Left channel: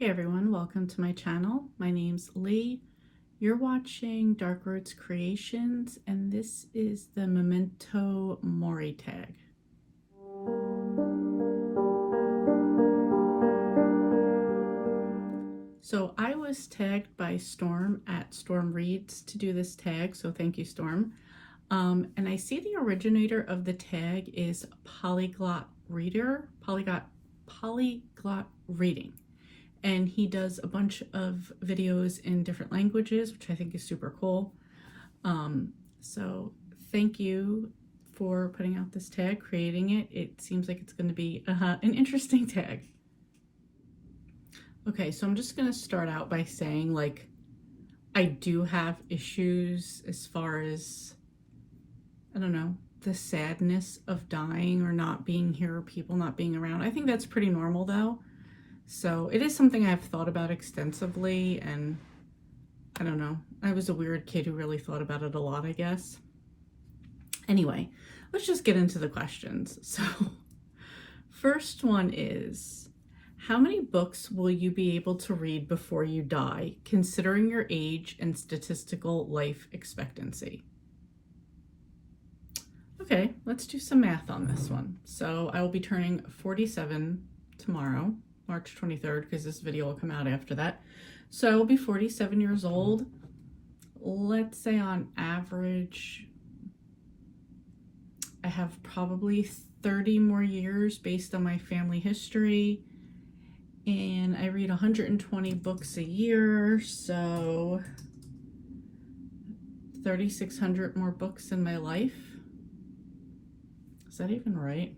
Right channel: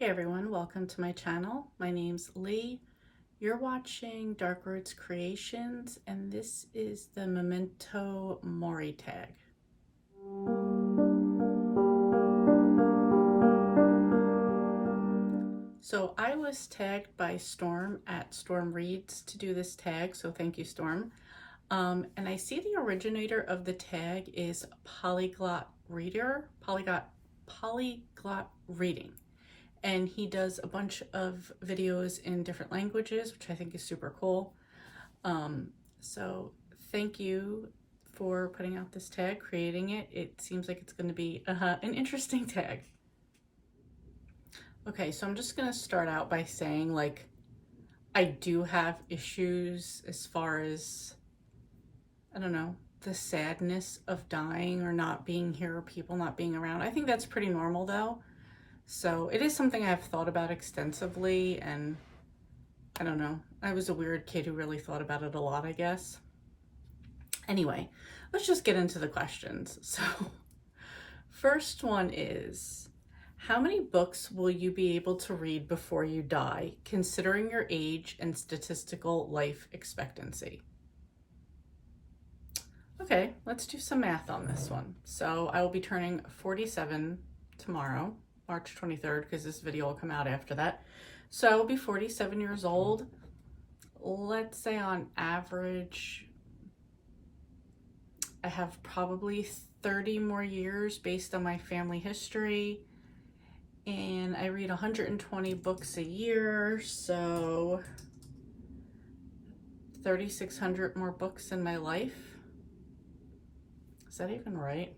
Hey everyone, welcome to my channel. My name's Lee. You're watching Dark Roots Creations, and this is the Memento Mori tag. So I was tagged by Storm at Storm Reads to do this tag, so thank you, Storm. And I see the originator of the tag is Polyglot Reading. And he does a bunch of videos in different languages, which I think is super cool. So thank you for putting out this tag, creating it. It seems like it's going to be an interesting tag. Okay, so I'm just going to start out by saying, like, I do have issues as far as, I don't know, the sadness of dying or not being here or people not being around. I think that's pretty normal though. So it is something I've thought about extensively, and I don't know, I was a weird kid who really thought about it a lot, I guess. Anyway, let's just get into the questions. So first one is, how many books will you be able to read before you die, considering your age and statistical life expectancy? Okay, let's do some math on this one. So I will be turning 47 tomorrow, March 23rd, because this video will come out after that. So I will be 47 years old. Let's say on average, I have probably 30 more years based on my family history. And I read 120 books a year, so 3,600 more books in my life. Is that even right?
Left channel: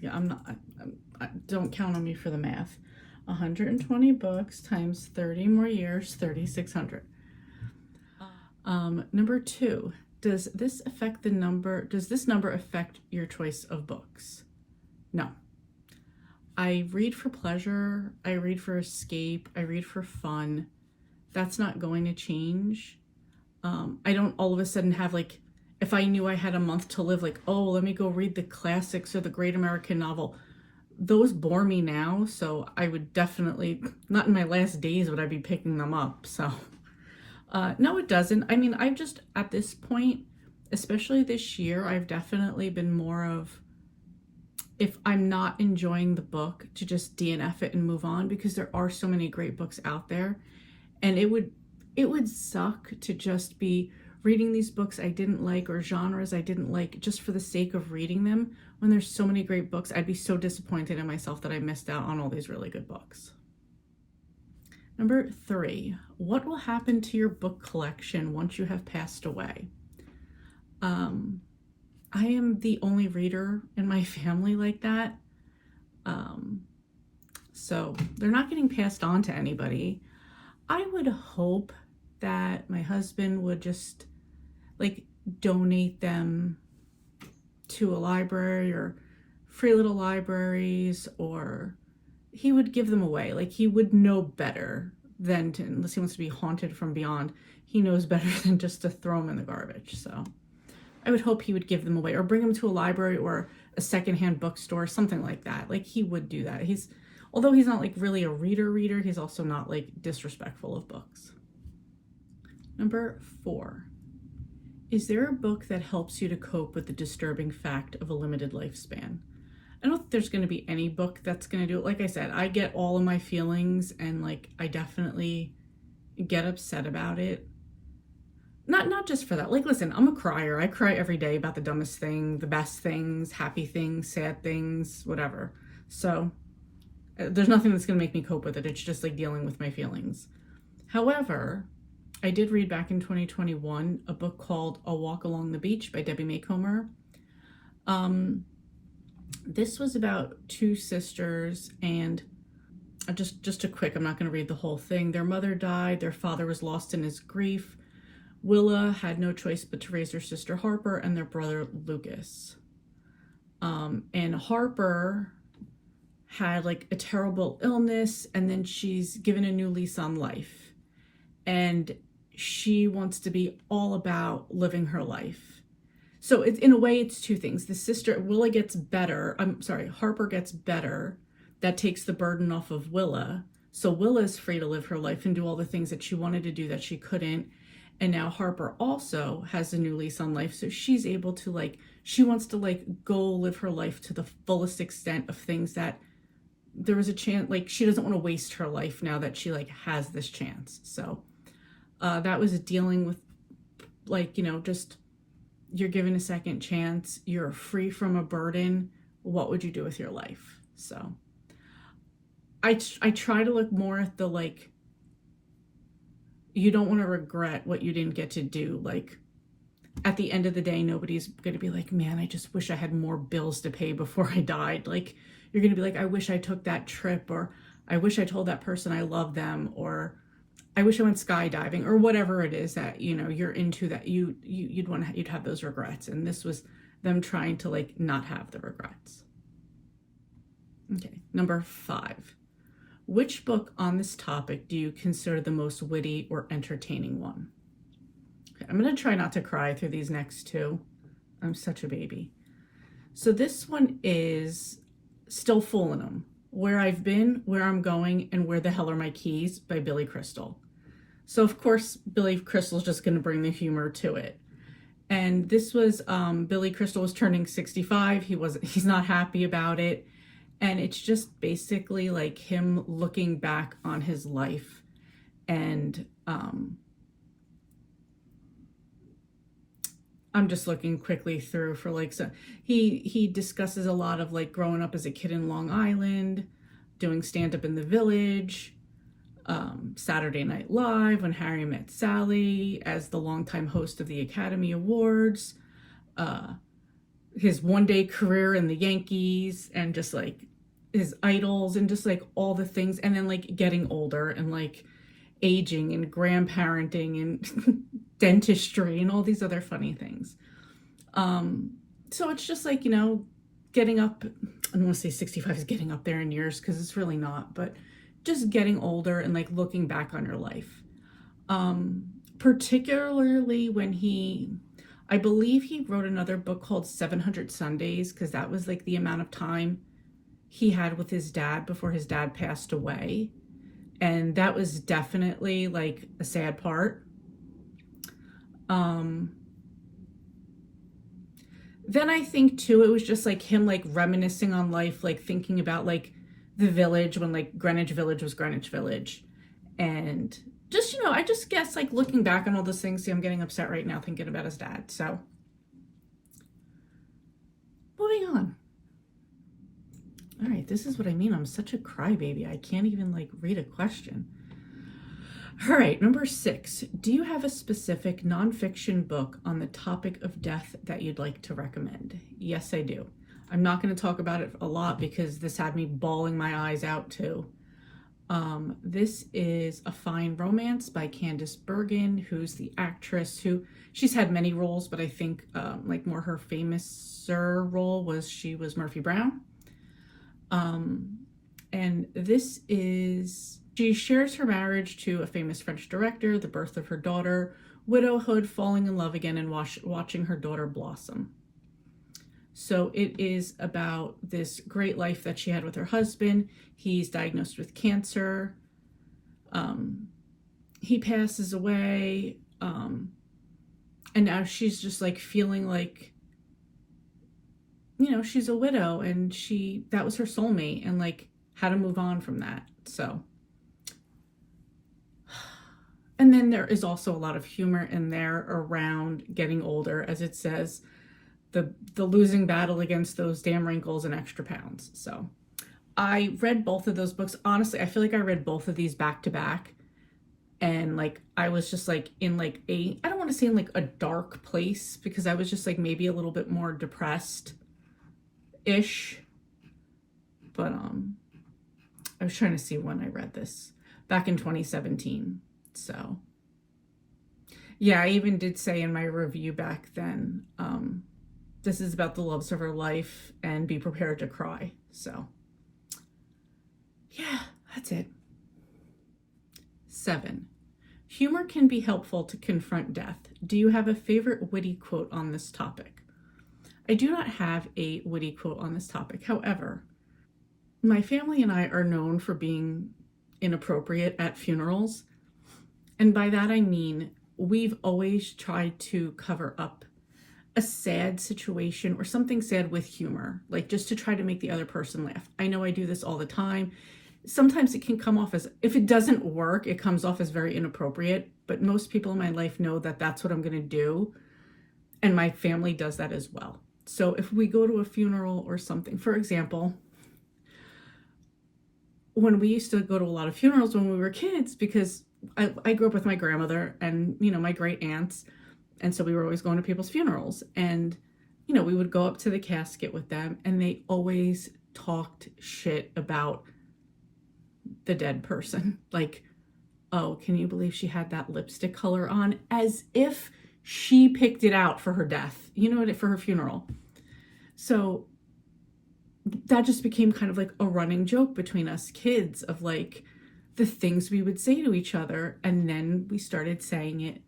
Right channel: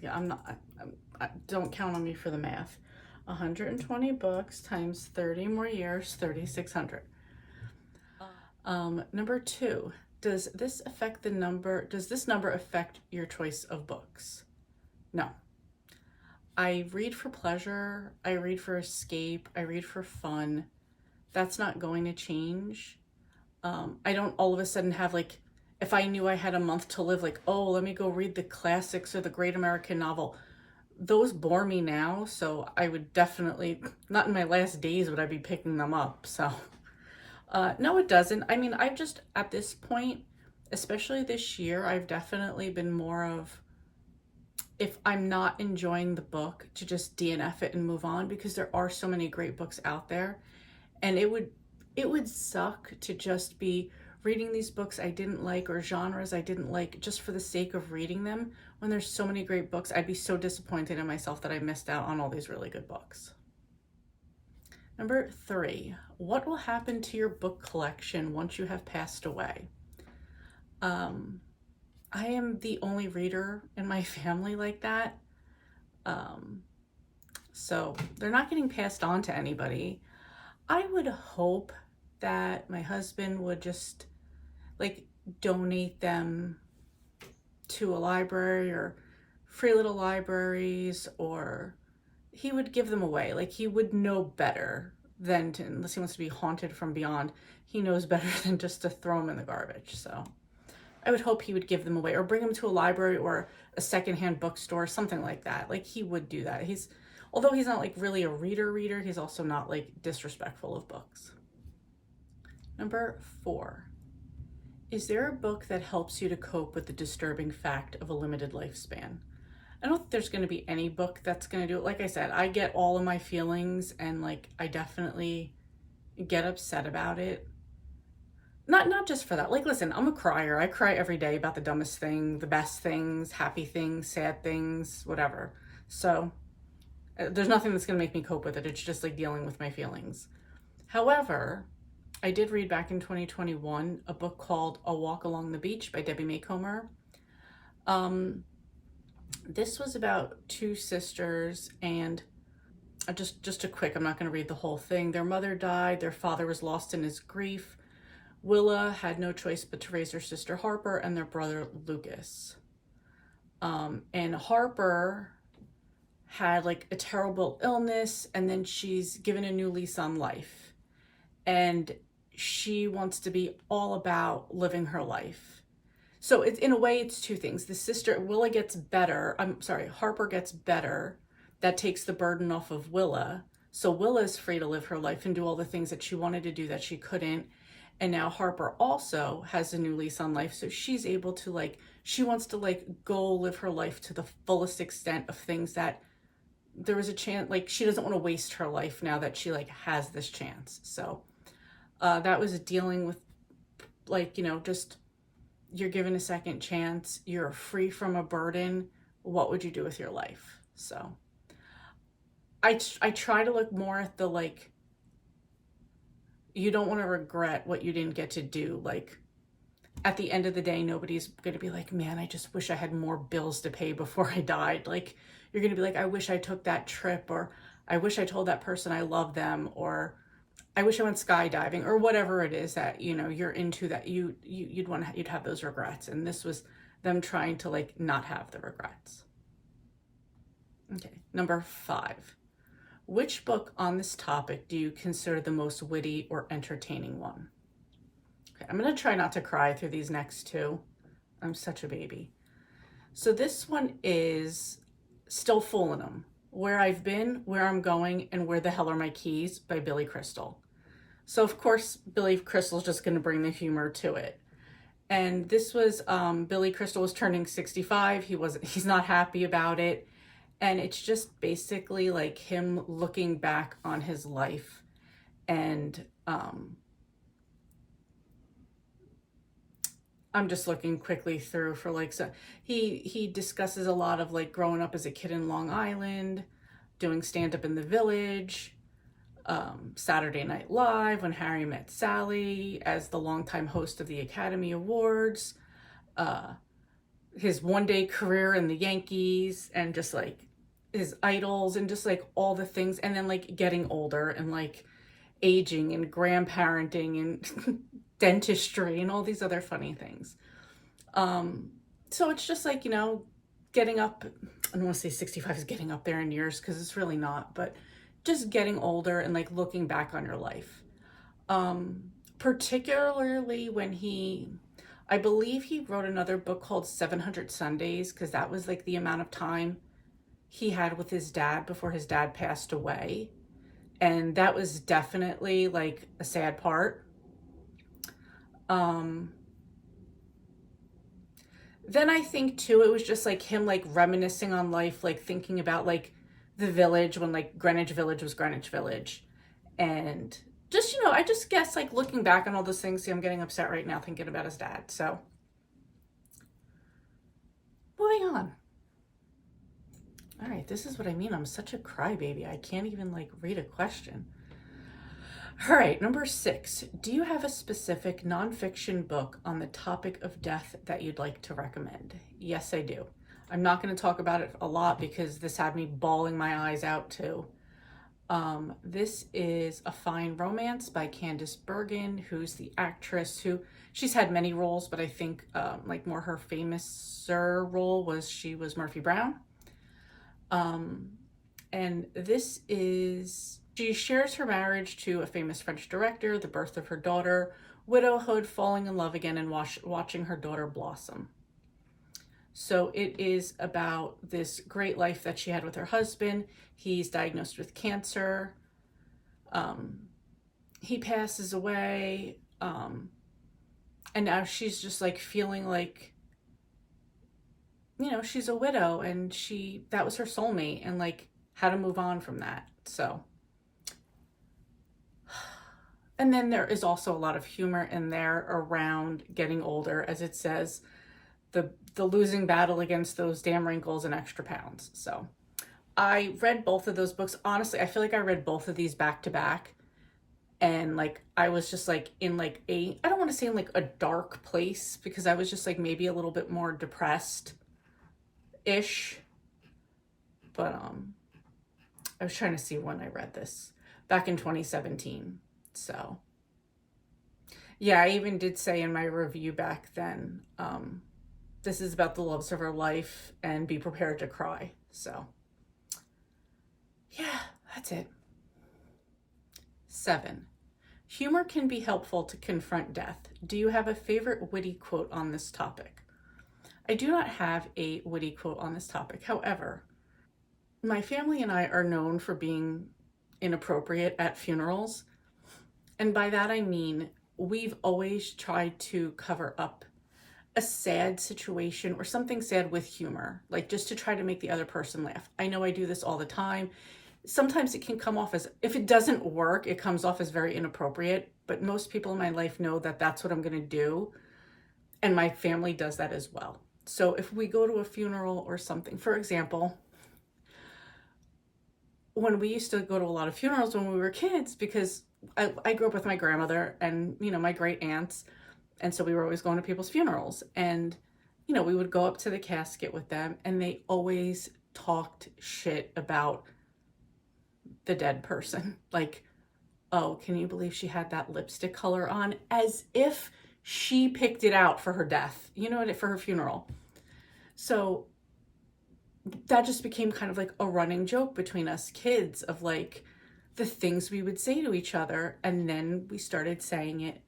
Yeah, don't count on me for the math. 120 books times 30 more years, 3,600. Number two, does this number affect your choice of books? No. I read for pleasure, I read for escape, I read for fun. That's not going to change. I don't all of a sudden have, like, if I knew I had a month to live, like, oh, let me go read the classics or the great American novel. Those bore me now, so I would definitely, not in my last days would I be picking them up. So no, it doesn't. I mean, I've just, at this point, especially this year, I've definitely been more of, if I'm not enjoying the book, to just DNF it and move on, because there are so many great books out there. And it would suck to just be reading these books I didn't like or genres I didn't like just for the sake of reading them, when there's so many great books. I'd be so disappointed in myself that I missed out on all these really good books. Number three, what will happen to your book collection once you have passed away? I am the only reader in my family like that. So they're not getting passed on to anybody. I would hope that my husband would just, like, donate them to a library or free little libraries, or he would give them away. Like, he would know better than to, unless he wants to be haunted from beyond, he knows better than just to throw them in the garbage. So I would hope he would give them away or bring them to a library or a secondhand bookstore, something like that. Like, he would do that. Although he's not, like, really a reader, he's also not, like, disrespectful of books. Number four, is there a book that helps you to cope with the disturbing fact of a limited lifespan? I don't think there's going to be any book that's going to do it. Like I said, I get all of my feelings, and, like, I definitely get upset about it. Not just for that. Like, listen, I'm a crier. I cry every day about the dumbest thing, the best things, happy things, sad things, whatever. So there's nothing that's going to make me cope with it. It's just, like, dealing with my feelings. However, I did read back in 2021 a book called A Walk Along the Beach by Debbie Macomber. This was about two sisters, and just a quick, I'm not going to read the whole thing. Their mother died. Their father was lost in his grief. Willa had no choice but to raise her sister Harper and their brother Lucas. And Harper had, like, a terrible illness, and then she's given a new lease on life. And she wants to be all about living her life. So it's, in a way, it's two things. The sister, Willa gets better. Harper gets better. That takes the burden off of Willa. So Willa's free to live her life and do all the things that she wanted to do that she couldn't. And now Harper also has a new lease on life. So she's able to like, she wants to like go live her life to the fullest extent of things that there was a chance, like she doesn't want to waste her life now that she like has this chance. So that was dealing with like, just you're given a second chance, you're free from a burden. What would you do with your life? So I try to look more at the like, you don't want to regret what you didn't get to do. Like at the end of the day, nobody's going to be like, man, I just wish I had more bills to pay before I died. Like you're going to be like, I wish I took that trip, or I wish I told that person I love them, or I wish I went skydiving, or whatever it is that, you're into that you'd have those regrets. And this was them trying to like not have the regrets. Okay. Number 5. Which book on this topic do you consider the most witty or entertaining one? Okay, I'm going to try not to cry through these next 2. I'm such a baby. So this one is Still Fooling 'Em. Where I've Been, Where I'm Going, and Where the Hell Are My Keys by Billy Crystal. So of course, Billy Crystal's just going to bring the humor to it. And this was, Billy Crystal was turning 65. He's not happy about it. And it's just basically like him looking back on his life. And I'm just looking quickly through for like, so he discusses a lot of like growing up as a kid in Long Island, doing stand-up in the Village, Saturday Night Live, When Harry Met Sally, as the longtime host of the Academy Awards, his one-day career in the Yankees, and just like his idols, and just like all the things, and then like getting older and like aging and grandparenting and dentistry and all these other funny things. So it's just like, getting up, I don't want to say 65 is getting up there in years because it's really not, but just getting older and like looking back on your life. Particularly when I believe he wrote another book called 700 Sundays, because that was like the amount of time he had with his dad before his dad passed away. And that was definitely like a sad part. Then I think too, it was just like him like reminiscing on life, like thinking about like the Village, when like Greenwich Village was Greenwich Village. And just, I just guess like looking back on all those things, see, I'm getting upset right now thinking about his dad. So moving on. All right, this is what I mean. I'm such a crybaby. I can't even like read a question. All right, number 6. Do you have a specific nonfiction book on the topic of death that you'd like to recommend? Yes, I do. I'm not going to talk about it a lot because this had me bawling my eyes out too. This is A Fine Romance by Candice Bergen, who's the actress who, she's had many roles, but I think like more her famous role was she was Murphy Brown. And this is, she shares her marriage to a famous French director, the birth of her daughter, widowhood, falling in love again, and watching her daughter blossom. So it is about this great life that she had with her husband. He's diagnosed with cancer. He passes away. And now she's just like feeling like, she's a widow, and that was her soulmate, and like how to move on from that. So, and then there is also a lot of humor in there around getting older, as it says, the losing battle against those damn wrinkles and extra pounds. So I read both of those books. Honestly, I feel like I read both of these back to back, and like I was just like in like I don't want to say in like a dark place, because I was just like maybe a little bit more depressed ish. But I was trying to see when I read this, back in 2017. So yeah, I even did say in my review back then, this is about the loves of her life, and be prepared to cry. So yeah, that's it. 7. Humor can be helpful to confront death. Do you have a favorite witty quote on this topic? I do not have a witty quote on this topic. However, my family and I are known for being inappropriate at funerals. And by that I mean we've always tried to cover up a sad situation or something sad with humor, like just to try to make the other person laugh. I know I do this all the time. Sometimes it can come off as, if it doesn't work, it comes off as very inappropriate, but most people in my life know that that's what I'm going to do. And my family does that as well. So if we go to a funeral or something, for example, when we used to go to a lot of funerals when we were kids, because I grew up with my grandmother and, you know, my great aunts. And so we were always going to people's funerals. And, you know, we would go up to the casket with them and they always talked shit about the dead person. Like, oh, can you believe she had that lipstick color on? As if she picked it out for her death, you know, for her funeral. So that just became kind of like a running joke between us kids of like the things we would say to each other. And then we started saying it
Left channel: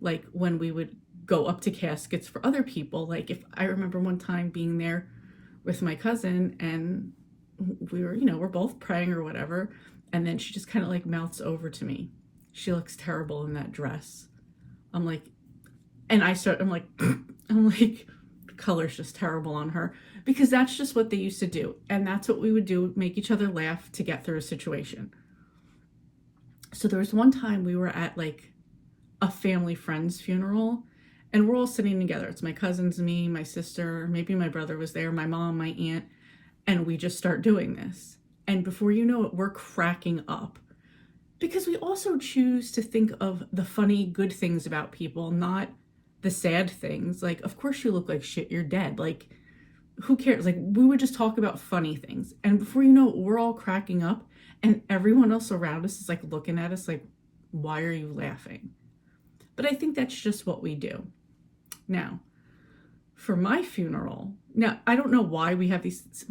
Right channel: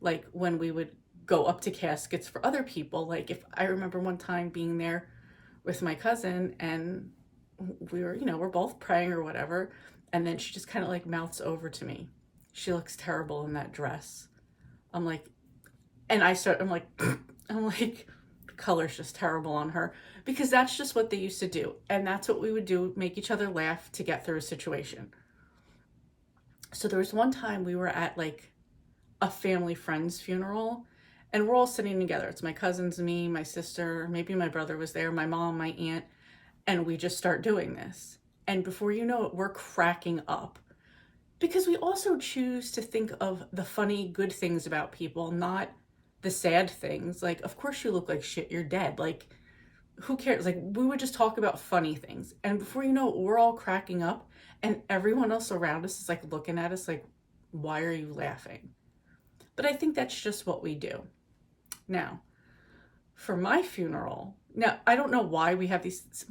like when we would go up to caskets for other people. Like if I remember one time being there with my cousin and we were, you know, we're both praying or whatever. And then she just kind of like mouths over to me. She looks terrible in that dress. I'm like, and I'm like, the color's just terrible on her, because that's just what they used to do. And that's what we would do, make each other laugh to get through a situation. So there was one time we were at like a family friend's funeral and we're all sitting together. It's my cousins, me, my sister, maybe my brother was there, my mom, my aunt, and we just start doing this. And before you know it, we're cracking up because we also choose to think of the funny, good things about people, not the sad things. Like, of course you look like shit, you're dead. Like, who cares? Like, we would just talk about funny things. And before you know it, we're all cracking up and everyone else around us is like looking at us like, why are you laughing? But I think that's just what we do. Now, for my funeral, now I don't know why we have these,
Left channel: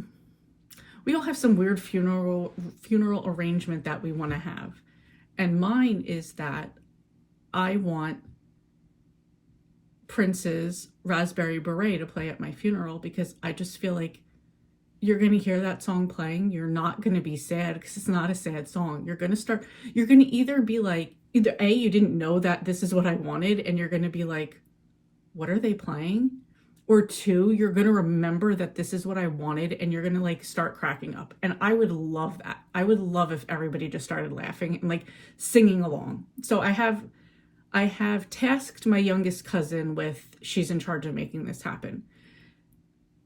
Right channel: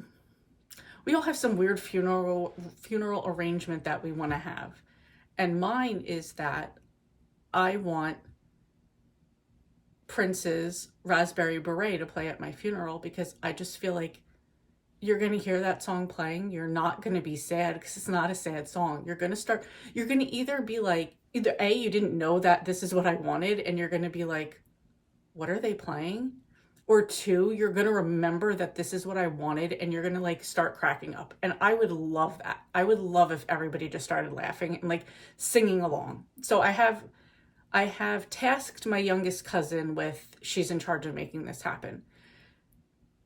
we all have some weird funeral arrangement that we want to have. And mine is that I want Prince's Raspberry Beret to play at my funeral, because I just feel like you're going to hear that song playing. You're not going to be sad because it's not a sad song. You're going to either be like, either A, you didn't know that this is what I wanted, and you're going to be like, what are they playing? Or two, you're going to remember that this is what I wanted and you're going to like start cracking up. And I would love that. I would love if everybody just started laughing and like singing along. So I have tasked my youngest cousin with, she's in charge of making this happen.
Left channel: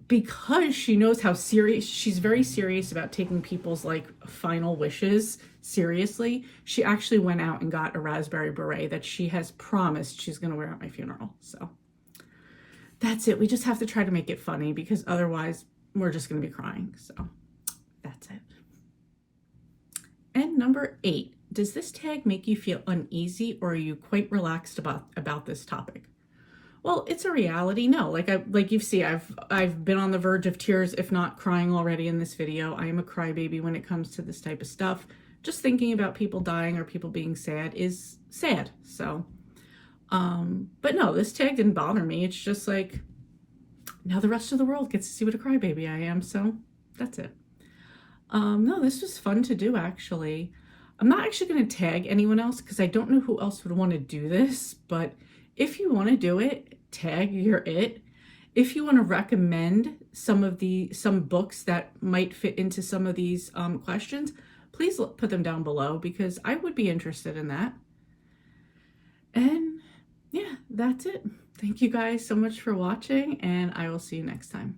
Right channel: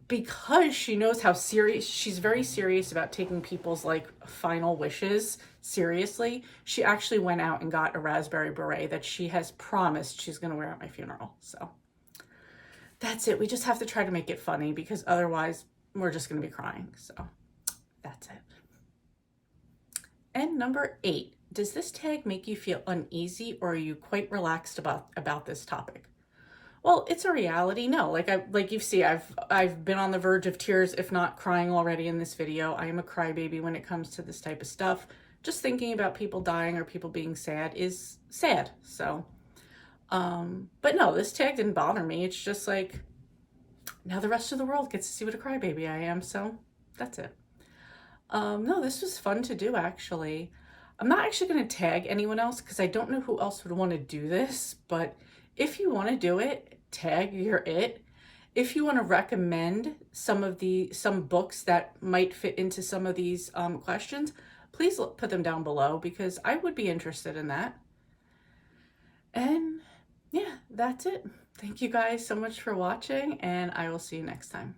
Because she knows how serious, she's very serious about taking people's like final wishes seriously. She actually went out and got a Raspberry Beret that she has promised she's going to wear at my funeral. So that's it. We just have to try to make it funny because otherwise we're just going to be crying. So that's it. And number 8, does this tag make you feel uneasy or are you quite relaxed about this topic? Well, it's a reality. No, like you see, I've been on the verge of tears, if not crying already in this video. I am a crybaby when it comes to this type of stuff. Just thinking about people dying or people being sad is sad. So, but no, this tag didn't bother me. It's just like, now the rest of the world gets to see what a crybaby I am. So that's it. No, this was fun to do, actually. I'm not actually going to tag anyone else because I don't know who else would want to do this, but if you want to do it, tag your it. If you want to recommend some books that might fit into some of these questions, please put them down below because I would be interested in that. And yeah, that's it. Thank you guys so much for watching, and I will see you next time.